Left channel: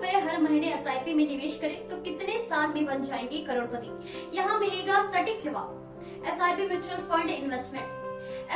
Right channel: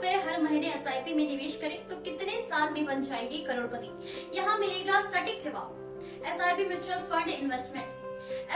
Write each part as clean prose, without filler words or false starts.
रुपए हर महीने एसआईपी में निवेश करें तो कितने साल में बन जाएंगे करोड़पति? यहाँ मिलेगा सटीक जवाब। SIP mutual fund investment.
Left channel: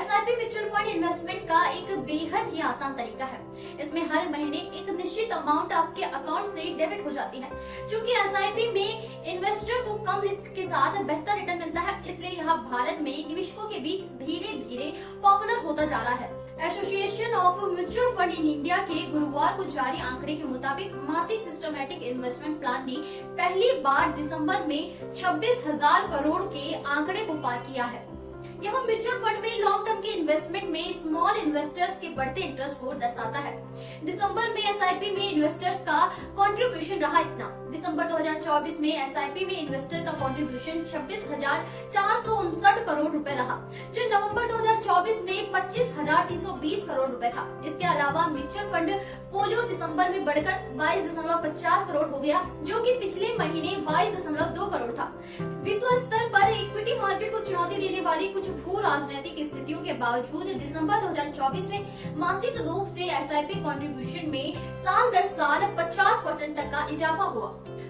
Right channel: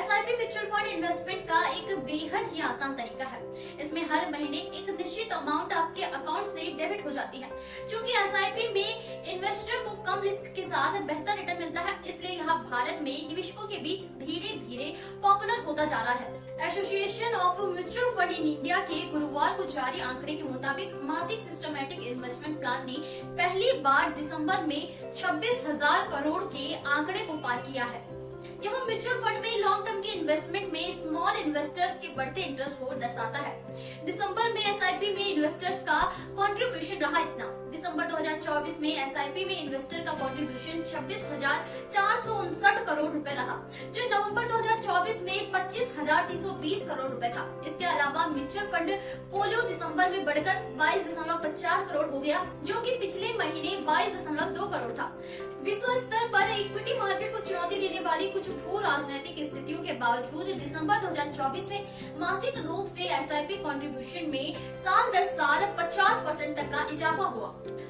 SIP mutual fund investment का एक बेहद ही आसान तरीका है। इसमें हर महीने एक निश्चित अमाउंट आपके अकाउंट से डेबिट हो जाती है। चूंकि एसआईपी में इन्वेस्टर को कम रिस्क के साथ बेहतर रिटर्न मिलता है, इसलिए यह भारत में निवेशकों के बीच धीरे धीरे पॉपुलर होता जा रहा है। Association of mutual fund in India के गुरुवार को जारी आंकड़े के मुताबिक मासिक सिस्टमैटिक इन्वेस्टमेंट प्लान ने पहली बार दिसंबर में 26,000 करोड़ के आंकड़े को पार किया है। यह म्यूचुअल फंड में लॉन्ग टर्म के इन्वेस्टमेंट में स्मॉल इन्वेस्टर्स के बढ़ते इंटरेस्ट को दर्शाता है। दिसंबर में एसआईपी में इन्वेस्टर्स का कंट्रीब्यूशन रहा इतना। दिसंबर 2024 में एसआईपी में इन्वेस्टर का कंट्रीब्यूशन 26,459 करोड़ रुपए रहा, जो नवंबर 2024 में 25,320 करोड़ रुपए था। इसके अलावा म्यूचुअल फंड फोलियो दिसंबर में बढ़कर 22.50 करोड़ हो गया, जो कि पिछले महीने 22.2 करोड़ था। विश्व स्तर पर इक्विटी मार्केट को चुनौती देने वाली कुछ भू राजनीतिक स्थितियों के बावजूद दिसंबर 2024 में मासिक रूप से एसआईपी कंट्रीब्यूशन में साल दर साल 50% तक का इजाफा हुआ।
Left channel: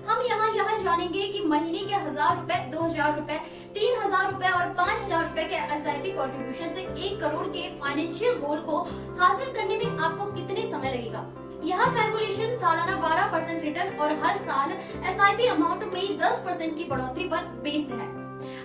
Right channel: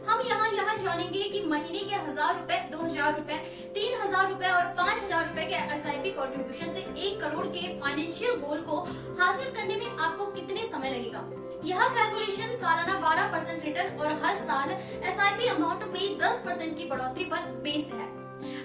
हम यहाँ यह जानेंगे कि महीने के 1,000 रुपए, 2,000 रुपए, 3,000 रुपए और 5,000 रुपए के एसआईपी कंट्रीब्यूशन से 1 करोड़ के फाइनेंशियल गोल को हासिल करने में आपको कितने समय लगेगा। यह कैलकुलेशन सालाना 12% रिटर्न और हर साल एसआईपी अमाउंट में 10% की बढ़ोतरी पर बेस्ड है।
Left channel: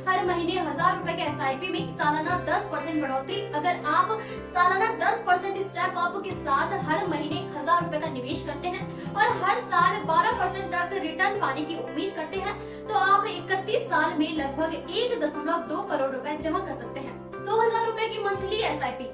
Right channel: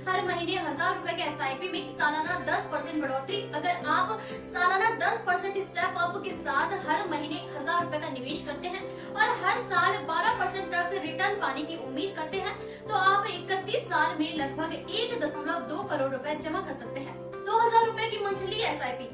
हर महीने 1,000 रुपए के एसआईपी में सालाना 10% बढ़ोतरी। अगर आप सालाना 10% स्टेप अप के साथ हर महीने 1,000 रुपए का निवेश करते हैं और हर साल 12% तक रिटर्न पाने की उम्मीद करते हैं, तो आप 31 साल में लगभग 1.2 करोड़ रुपए जमा कर सकते हैं। 2,000 रुपए की मंथली एसआईपी।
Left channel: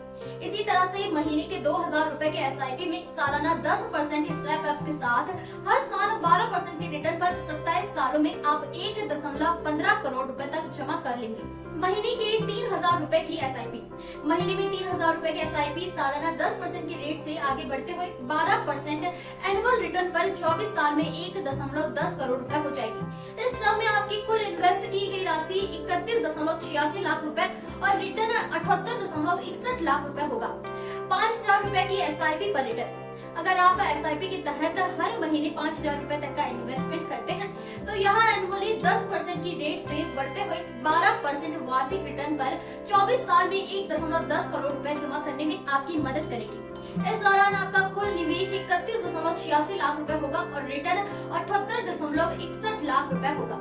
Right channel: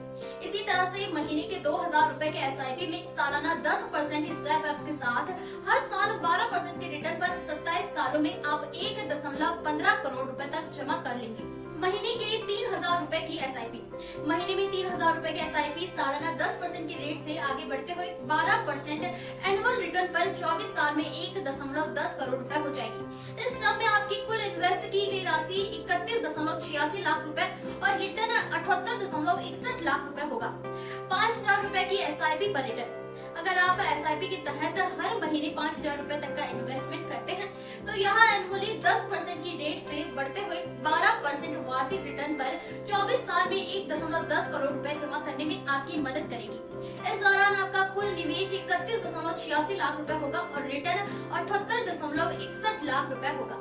इसी तरह से महीने के 2,000 रुपए के एसआईपी में सालाना 10% स्टेप अप के साथ हर साल 12% के रिटर्न पर 27 सालों में आप 1.15 करोड़ रुपए तक जमा कर लेंगे। महीने के 3,000 रुपए की एसआईपी। महीने में 3,000 रुपए की एसआईपी सालाना 10% की रेट से आगे बढ़ते हुए 12% एनुअल रिटर्न पर 24 साल में 1.10 करोड़ रुपए हो जाएगी। इस टर्म में आपकी कुल इन्वेस्ट की गई राशि 31.86 लाख रुपए और रिटर्न 78.61 लाख रुपए होगा। 5,000 रुपए की एसआईपी पर रिटर्न। अगर आप एसआईपी के तहत हर महीने 5,000 रुपए तक का इन्वेस्टमेंट करते हैं, तो यहाँ एनुअली 10% की रेट से बढ़ते हुए 12% वार्षिक रिटर्न पर 24 साल में 1.10 करोड़ रुपए जमा करने में आपकी मदद करेगी। इस दौरान आपका कुल निवेश 31.86 लाख रुपए होगा और रिटर्न 78.61 लाख रुपए होगा।